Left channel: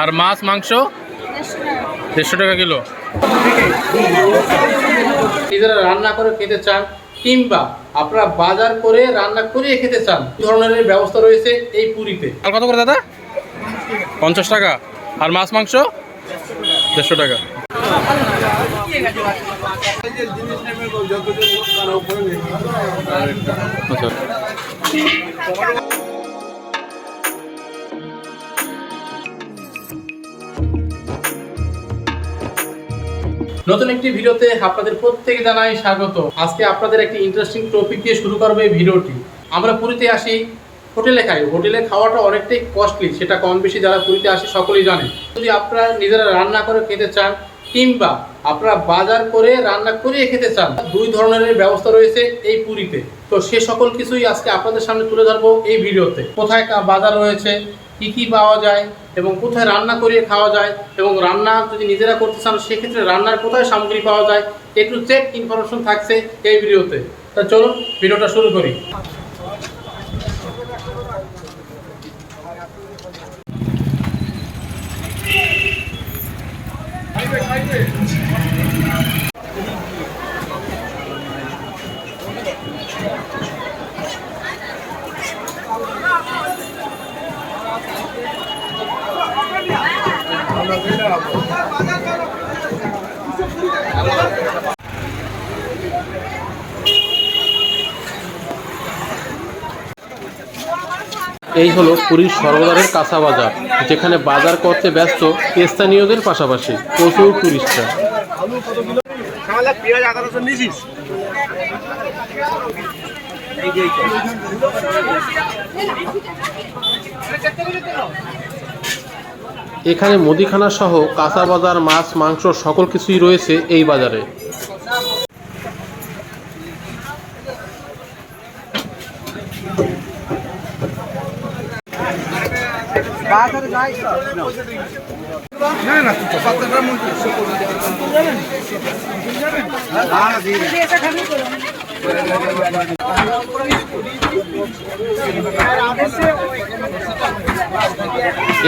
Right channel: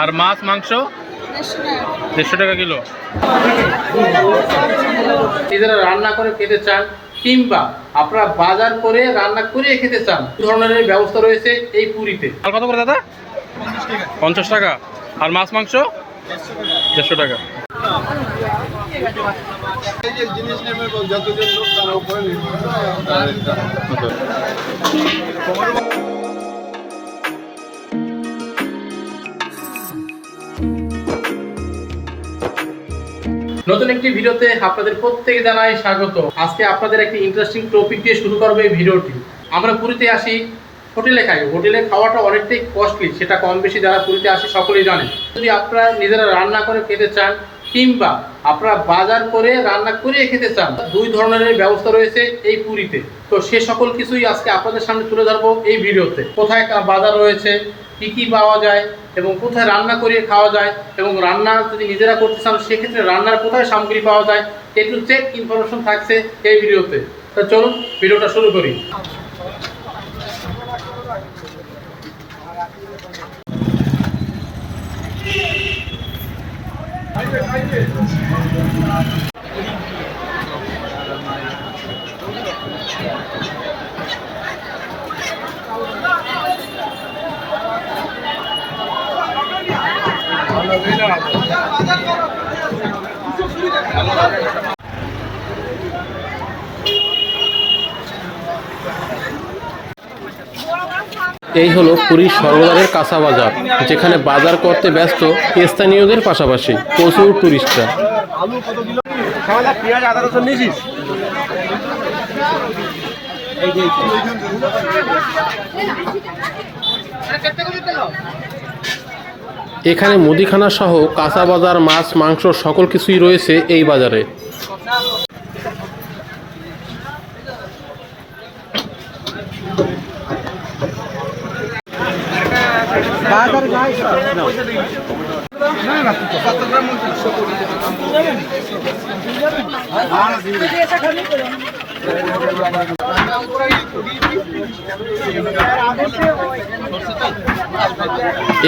আর মাছ মাংস 150 টাকা কিলো। নিজেরা রান্না করে খেতে চান কিংবা আপনারা বাজার করে রান্না করে খেতে চান, ধরনের ব্যবস্থা রয়েছে এই পুরীতে। আর কত করে দাদা? 50 টাকা। আর মাছ মাংস 150 টাকা। নতুন একটি ভিডিওতে আপনাদের প্রত্যেকে জানাই স্বাগত। আজকে আপনাদের একটি ইন্টারেস্টিং টপিক দিয়ে শুরু করবো এই ভিডিওটি। আমরা পুরীতে আসি, হোটেলে খাই। হোটেলে খাওয়াটা অনেকটাই কস্টলি, সেটা কম বেশি যারা পুরীতে আসে সকলেই জানেন। যদি আপনারা নিজেরা রান্না করে খেতে চান কিংবা আপনারা বাজার করে রান্না করে খেতে চান, দুই ধরনের ব্যবস্থা রয়েছে এই পুরীতে। তো সে সকল কিছুই আজকে আপনাদের সামনে তুলে ধরবো এই ভিডিওতে। কোথায় বাজার রয়েছে, কী কী পাওয়া যায় এবং কোথায় রান্না করিয়ে খাওয়া যায়, এবং রান্না যদি নিজেরা করতে চান সেক্ষেত্রে রান্নার কোথায় সামগ্রী পাওয়া যায়, একটু চেক ইনফরমেশন থাকছে এই ভিডিওতে। তো চলুন ভিডিওটা শুরু করি। এই হলো পুরীর সর্বদারের কাঁচা বাজার, যেখানে বাজার করতে ব্যস্ত স্থানীয়দের পাশাপাশি প্রচুর টুরিস্টরা। এখানে মুদিখানা সহ কাঁচা বাজার, মাছ মাংস সকল কিছুই রয়েছে এই বাজারে।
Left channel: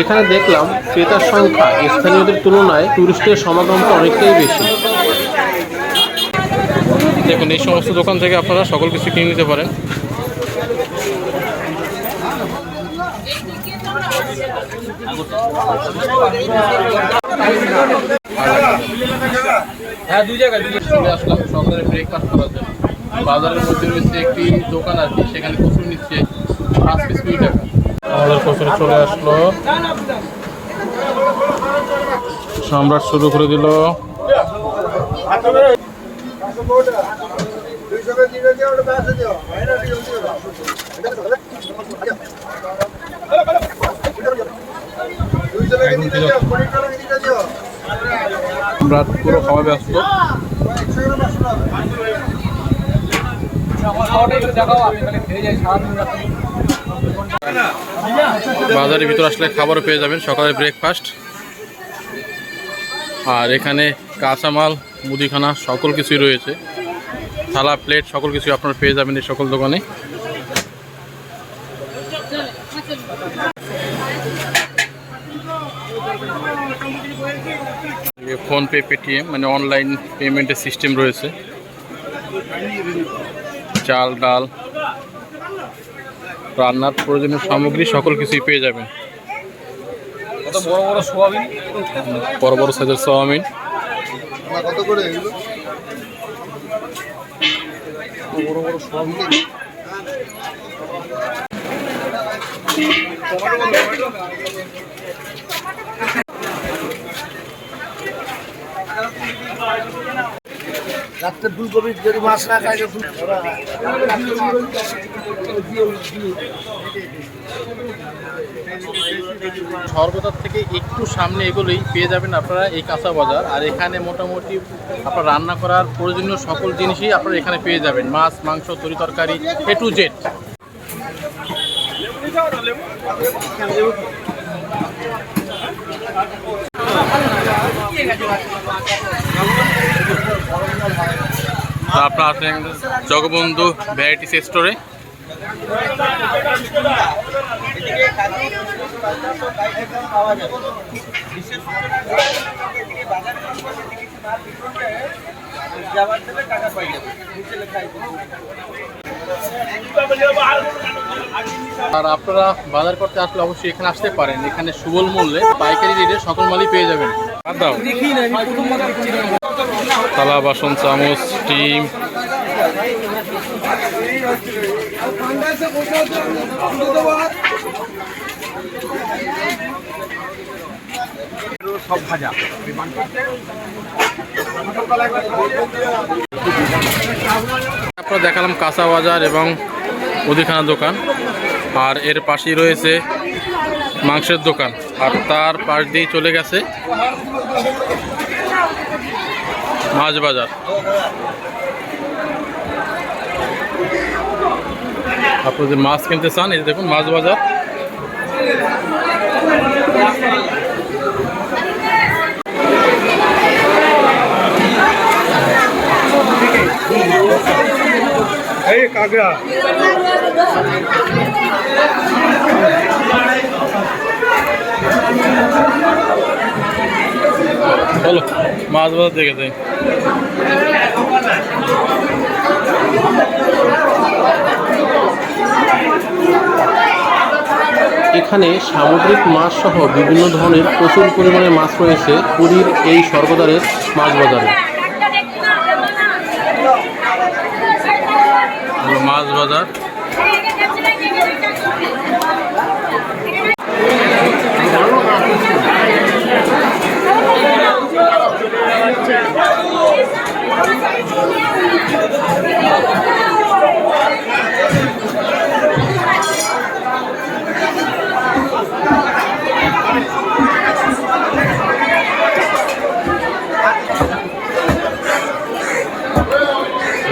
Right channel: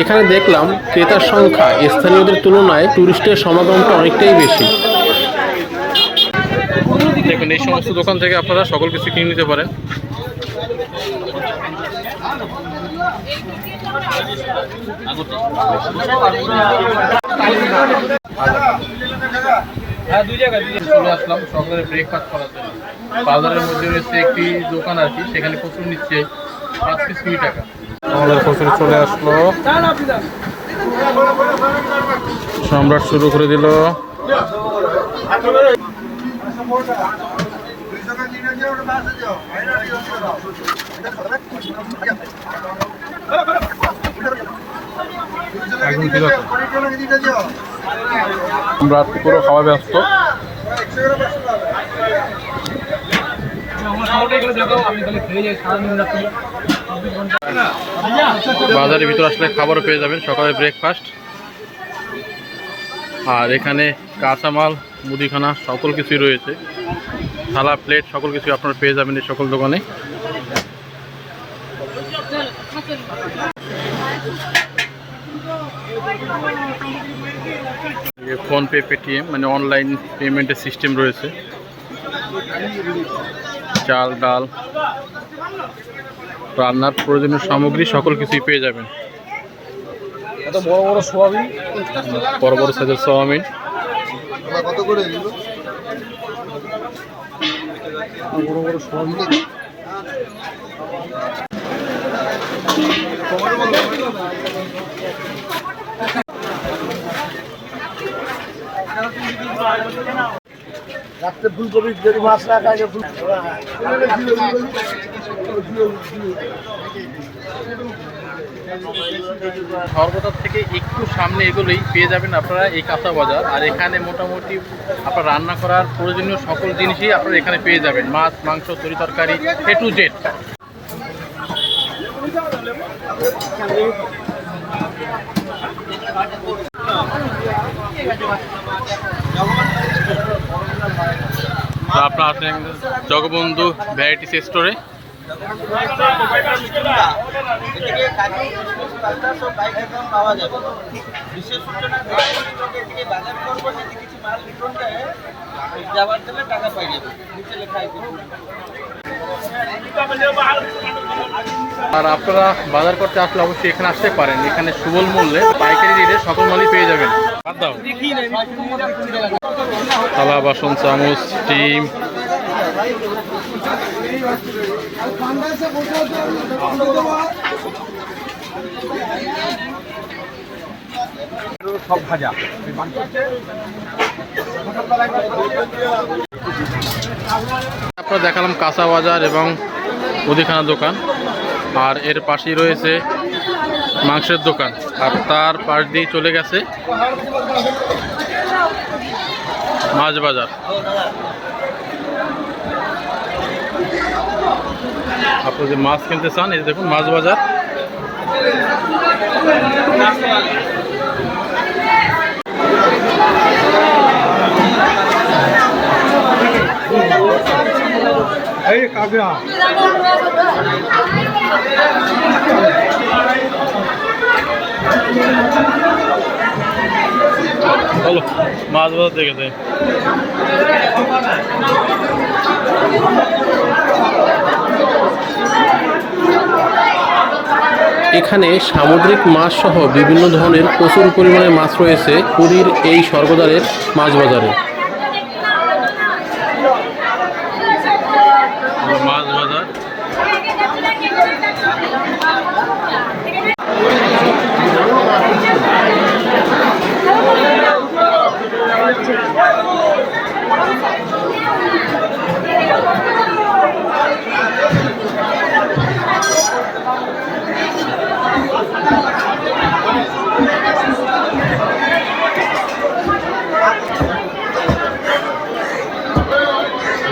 এখানে দেখলাম ক্রেতার সংখ্যা স্থানীয়দের তুলনায় টুরিস্টের সমাগমটা অনেকটাই বেশি। দেখুন, এই সমস্ত দোকান থেকে আপনারা সকল কিছু কিনে নিতে পারেন। চলে আসলাম সকালে ব্রেকফাস্ট করার জন্য। বাজারের মধ্যে রয়েছে একটি দোকান আর কি, সেখানে কচুরি নিচ্ছে 5 পিস 20 টাকা। আমাদের কচুরি চলে আসলো, সম্রাট শুরু করে দিল। সম্রাট পুরো খাওয়া ব্যস্ত। বাজারের ভিতর আসলে খাবারও পেয়ে যাবেন, সকালে ব্রেকফাস্ট। আর এখানে কাঁচামাল, মুদিখানা সকল কিছুই রয়েছে, থালা প্লেট সকল কিছু আপনারা পেয়ে যাবেন এই সকল দোকানে। ফোনপে, পেটিএম মানে অনলাইন পেমেন্টের সিস্টেম রয়েছে। চাল, ডাল, রান্নার প্রয়োজনীয় সামগ্রী সকল কিছুই পেয়ে যাবেন। বড় বড় সাইজের সোয়াবিন। রাত্রে ফুলকপি যদি মাছ না খায় স্বর্গদ্বার থেকে একটু সামনে এগুলোই পেয়ে যাবেন আপনারা এই কাঁচা বাজার। আর এখানে মোটামুটি আপনার রান্না করার প্রয়োজনীয় সকল জিনিসই আপনারা এখানে পেয়ে যাবেন, মাছ মাংস তরি তরকারি A to Z। আপনারা আসেন জগবন্ধু ভ্যারাইটিস স্টোরে। পাওয়া যাবে। বিশেষ সূচনা বাজার করবো যদি কিছু মাল বিতরণ দেয় যাবার দিলে টাকা পাই যাবে, নিচে লেখা আছে। আর আপনারা বাজার করতে আসলে অবশ্যই এখানে আসতে পারেন। এখানে সুবল মূল্যে পাইকারি রেটে সকল মালই পেয়ে যাবেন। বাদ দাও থালা বাসন চামচ ডিম সব ভাজা। আপনারা দেখালাম কাঁচা বাজার এবং মুদিখানা দোকান, আর এর পাশেই রয়েছে মাংসের দোকান, আর তার পাশ দিয়ে চলে গেছে মাছ বাজার। আপনি যদি মাছ কিনতে চান এই দেখুন মাছ বাজার। চলো মাছ বাজার দেখে যাই। এখানে সামুদ্রিক মাছ সহ বিভিন্ন ধরনের প্রচুর পরিমাণে মাছ রয়েছে পুরীর এই স্বর্গদ্বারের মাছ বাজারে। মাছ বাজার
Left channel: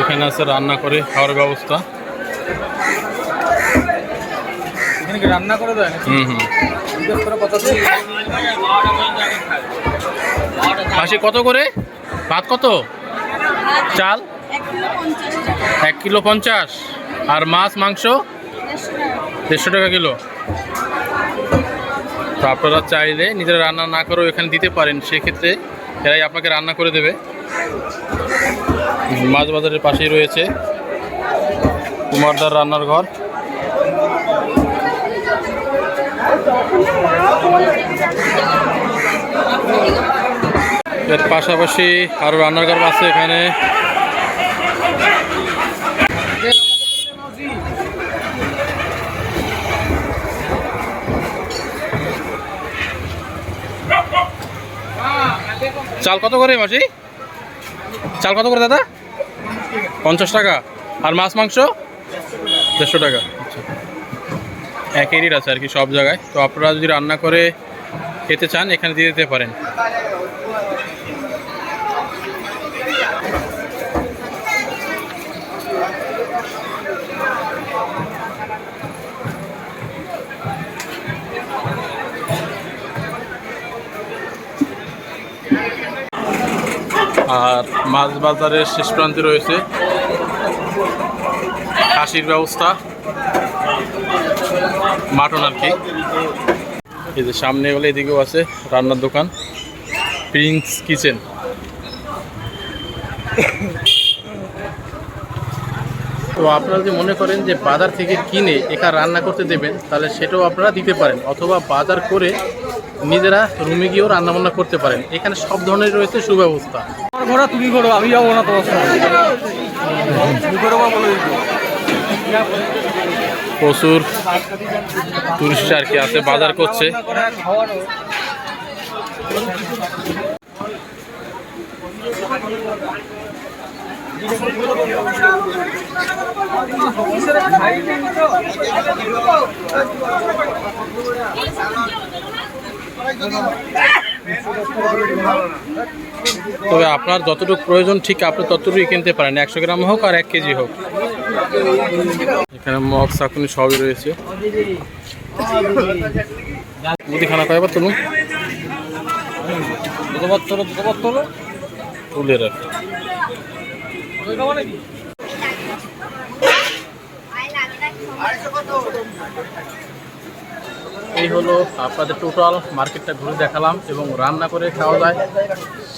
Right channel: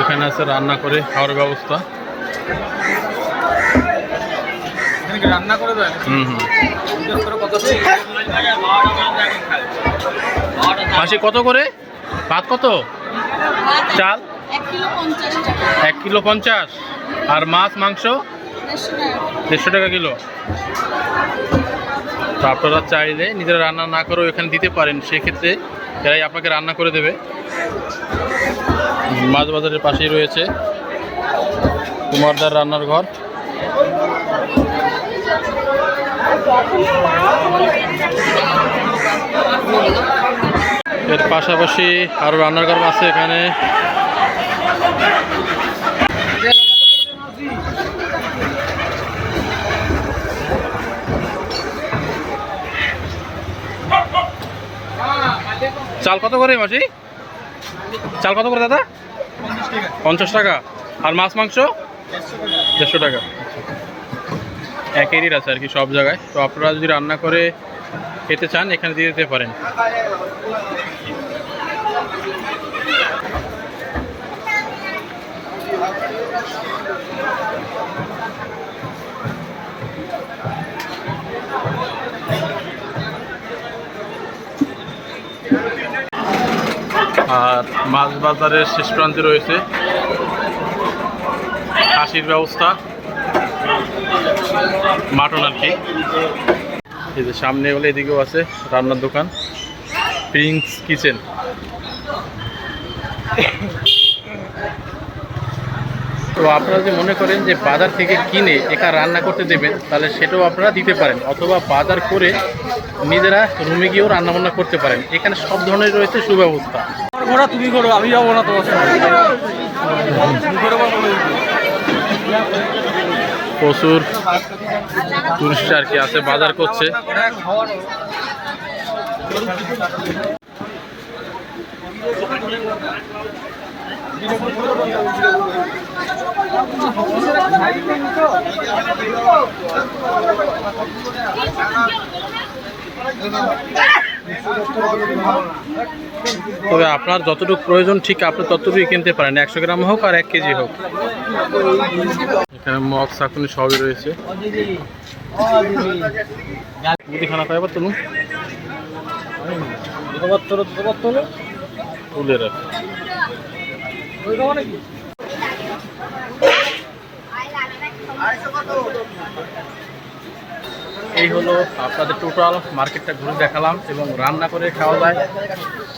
এখানে আছে রান্না করে খাওয়ার ব্যবস্থা। রান্না করে দেয়। মাসি কত করে ভাত, কত চাল? 1 কিলো 50। আর মাছ মাংস 150 টাকা কিলো। তো আপনারা চাইলে নিজেরা রান্না না করেও এখানে দিতে পারেন, সেক্ষেত্রে এরাই আপনাকে রান্না করে দেবে। মাছ বাজারের পাশেই রয়েছে কুমারদার রান্নার ঘর। এর পাশাপাশি আরো রান্নার ঘর আছে এখানে। চাল কত করে মাসি? চাল কত করে দাদা? 50 টাকা। আর মাছ মাংস 150 টাকা। একই রেট আছে আর কি সব জায়গায়। তো আপনারা যদি রান্না করে খেতে চান এখানে দিয়ে দিতে পারেন। আর মাছ বাজারের শেষ প্রান্তে রয়েছে খাসির ব্যবস্থা, মাটন আর কি। এই যে সামনে হলে এদিকেও আছে রান্নার দোকান, প্রিন্স কিচেন। তো আপনারা যদি মনে করেন যে বাজার থেকে কিনে একা রান্না করতে দেবেন, তাহলে সেটাও আপনারা দিতে পারেন, অথবা বাজার করে নিজেরা রুমে গিয়েও রান্নাবান্না করতে পারেন। এখানে সব ধরনের রয়েছে সুব্যবস্থা। প্রচুর টুরিস্ট আর কি আছে, বাজার করছে। তবে আপনার যতটুকু প্রয়োজন ঠিক আপনি ততটুকুই কিনতে পারেন, 100 গ্রাম হোক আর 1 কেজি হোক। এখানে মগ চাকুনি সবই রয়েছে। মুদিখানা কয়বার তুলুন, তুলে রাখ। এই হলো আপনাদের টোটাল মার্কেটটা ঘুরে দেখালাম এবং রান্না করে খাওয়া যায়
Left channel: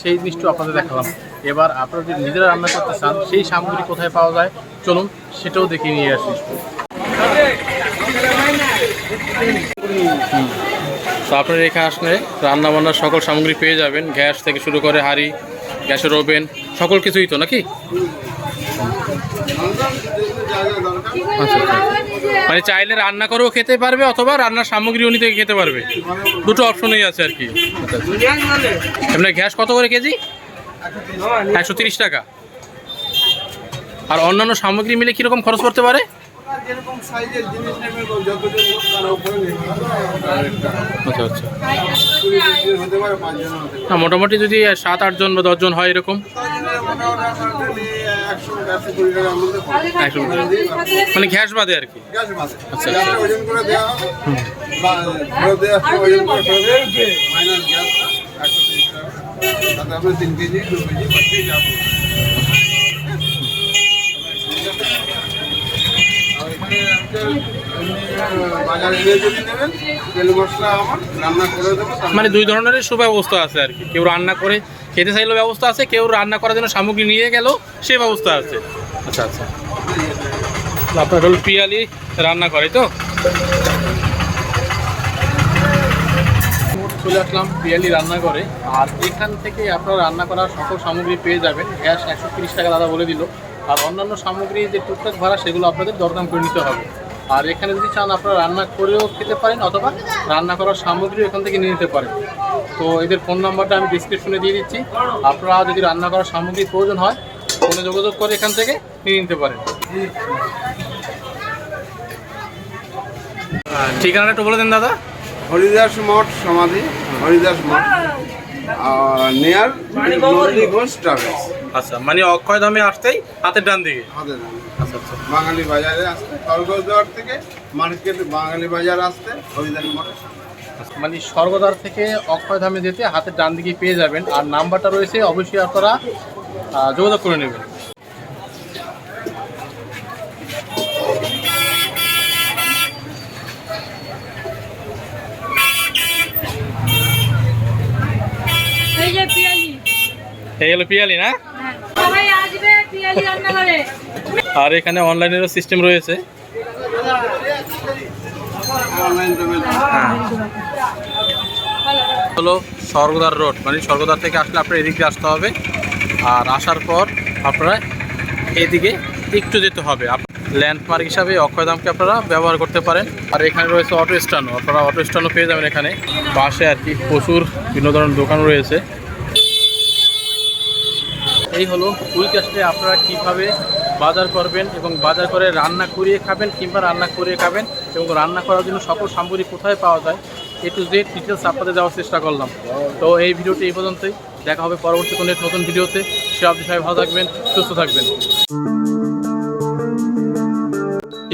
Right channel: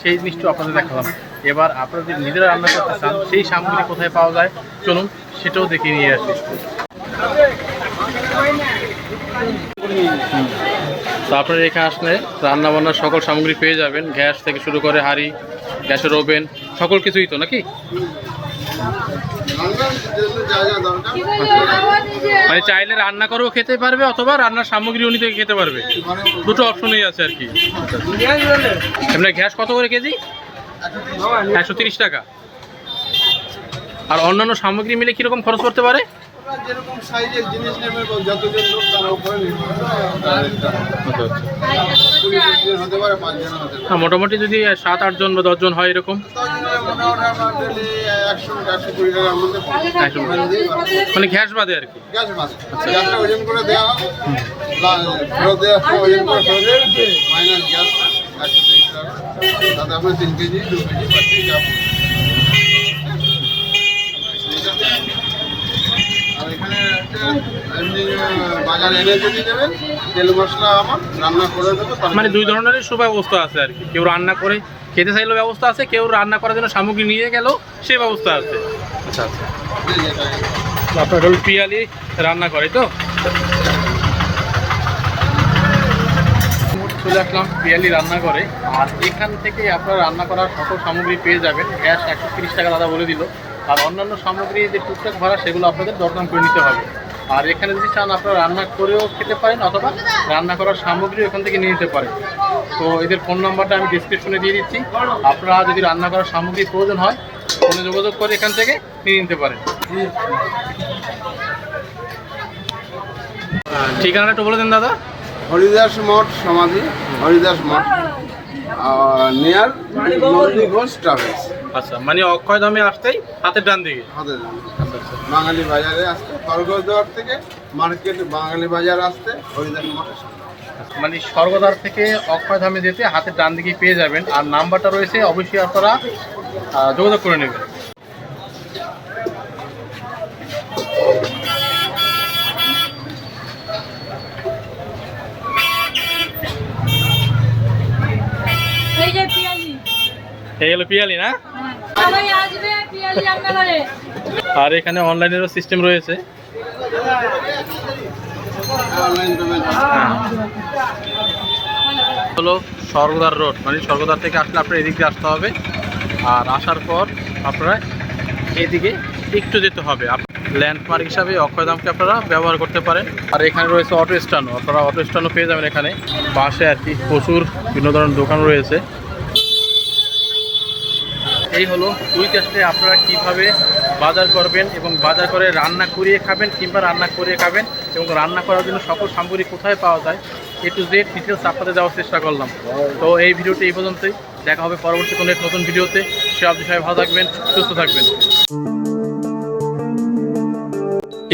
সেই জিনিসটাও আপনাদের দেখালাম। এবার আপনারা যদি নিজেরা রান্না করতে চান সেই সামগ্রী কোথায় পাওয়া যায় চলুন সেটাও দেখিয়ে নিয়ে আসি। তো আপনারা এখানে আসলে রান্না বান্নার সকল সামগ্রী পেয়ে যাবেন, গ্যাস থেকে শুরু করে হাঁড়ি, গ্যাসের ওভেন, সকল কিছুই তো নাকি? মানে চাইলে রান্না করেও খেতে পারবে অথবা রান্নার সামগ্রীও নিতে খেতে পারবে, দুটো অপশনই আছে আর কি। আপনার গ্যাস কত করে কেজি? 130 টাকা। আর অন্যান্য সামগ্রী মিলে কিরকম খরচ করতে পারে? যেরকম সাইজের জিনিস নেবে যতজন লোক তার উপরে নির্ভর করে। আচ্ছা আচ্ছা, 20-25 জন হতে পারে, 5 জন হতে পারে। হ্যাঁ মোটামুটি যদি 7-8 জন বা 10 জন হয় এরকম, 10 জনের মোটামুটি আমার ডেলি 100-120 টাকার মধ্যে পড়ে। 100 মানে গ্যাস বাদে আর কি। গ্যাস বাদে গ্যাসটা ওজন করে দেওয়া হবে, ফেরত দেওয়ার সময় ওজন করে ফেরত দেবে, মাইনাস গ্যাস 130 টাকা। তাতে আপনার 3 কেজি 2 কেজি 5 কেজি যা পড়বে। আর এখানে হচ্ছে এমনি বাজার এনে যদি দেবেন, তেল মশলা আমার রান্না করে দেবো। মানে দুই ধরনের সুব্যবস্থা আছে আর কি, কেউ রান্না করে খেতে চাইলেও ব্যবস্থা আছে, কেউ রান্না করার জন্য সামগ্রী নিয়ে গেলেও সে ব্যবস্থা আছে। আচ্ছা আচ্ছা, আপনার হল পিয়ালি রান্না করে তো। চলে আসলাম পিয়ালি রান্না করে, আর এখান থেকে আপনারা রান্না করার সকল সামগ্রী পেয়ে যাবেন। গ্যাস 130 টাকা দাদা বলে দিল, আর অন্যান্য সামগ্রী যে টুকটাক ভাড়া সেগুলো আপনাদের দরদাম করে নিতে হবে। আর এখানে যদি চান আপনারা রান্না করেও খেতে পারেন অথবা রান্না করার সামগ্রী এখান থেকে নিয়ে নিতে পারেন। তো এদের ফোন নাম্বারটা আমি ডিসক্রিপশনে দিয়ে দিচ্ছি, আপনারা যদি রান্না করার সামগ্রী প্রয়োজন হয় ফোনে যোগাযোগ করে এখান থেকে নিয়ে নিতে পারেন। ঠিকানাটা একটু বলে দেন দাদা। হরিদাস মঠ সমাধি, হরিদাস মঠ নিয়ার নন্দী ঘোষ ট্রাভেলস। আচ্ছা, মানে অক্ষয়ধামে আসতেই হাতের ডান দিকে। হাতের ডান। আচ্ছা আচ্ছা, বাঙালি বাজারে আসতে, স্বর্গদ্বার থেকে মার্কেট বাঙালি বাজার আসতে হরিদাস মঠের সামনে। মানে স্বর্গদ্বার থেকে অক্ষয়ধামে যেতে হাতের ডান দিকে পেয়ে যাবেন, আর নাম্বারটা রয়েছে, অবশ্যই আপনারা যোগাযোগ করে নেবেন। এই হলো পিয়ালি না? আর এখানে অনলাইনেরও সিস্টেম রয়েছে। অনলাইন পেমেন্ট হলো স্বর্গদ্বার রোড, মানে স্বর্গদ্বার থেকে আসলে আপনার এদিকে আসতে হবে, আর আসার পর আপনারা এইদিকে একটু যেতে হবে। ল্যান্ডমার্ক হিসাবে অক্ষয়ধামকে আপনারা ব্যবহার করতে পারেন। আর এখানে রয়েছে অটো স্ট্যান্ডও, আপনারা অটো স্ট্যান্ডও পেয়ে যাবেন এখানে পাশে আর কি। প্রচুর বিভিন্ন ধরনের দোকান রয়েছে। এই হলো পুরীতে আসলে আপনারা কীভাবে বাজার করবেন এবং বাজার করে রান্না করিয়ে খাবেন কিংবা রান্না করে খাবেন, এবং রান্না করার জন্য সকল সামগ্রী কোথায় পাওয়া যায় A to Z ডিটেলস আপনাদের দেওয়ার চেষ্টা করলাম। তো এই ভিডিওটি এই পর্যন্তই, দেখা হবে পরবর্তী কোনো এক নতুন ভিডিওতে। সে আপনি সবাই ভালো থাকবেন, সুস্থ থাকবেন।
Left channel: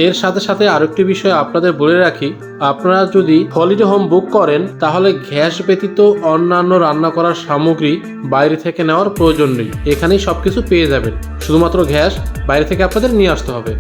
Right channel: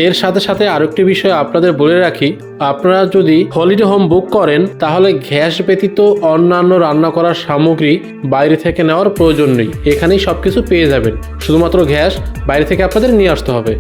এর সাথে সাথে আরেকটি বিষয় আপনাদের বলে রাখি, আপনারা যদি হলিডে হোম বুক করেন তাহলে গ্যাস ব্যতীত অন্যান্য রান্না করার সামগ্রী বাইরে থেকে নেওয়ার প্রয়োজন নেই, এখানেই সবকিছু পেয়ে যাবেন। শুধুমাত্র গ্যাস বাইরে থেকে আপনাদের নিয়ে আসতে হবে।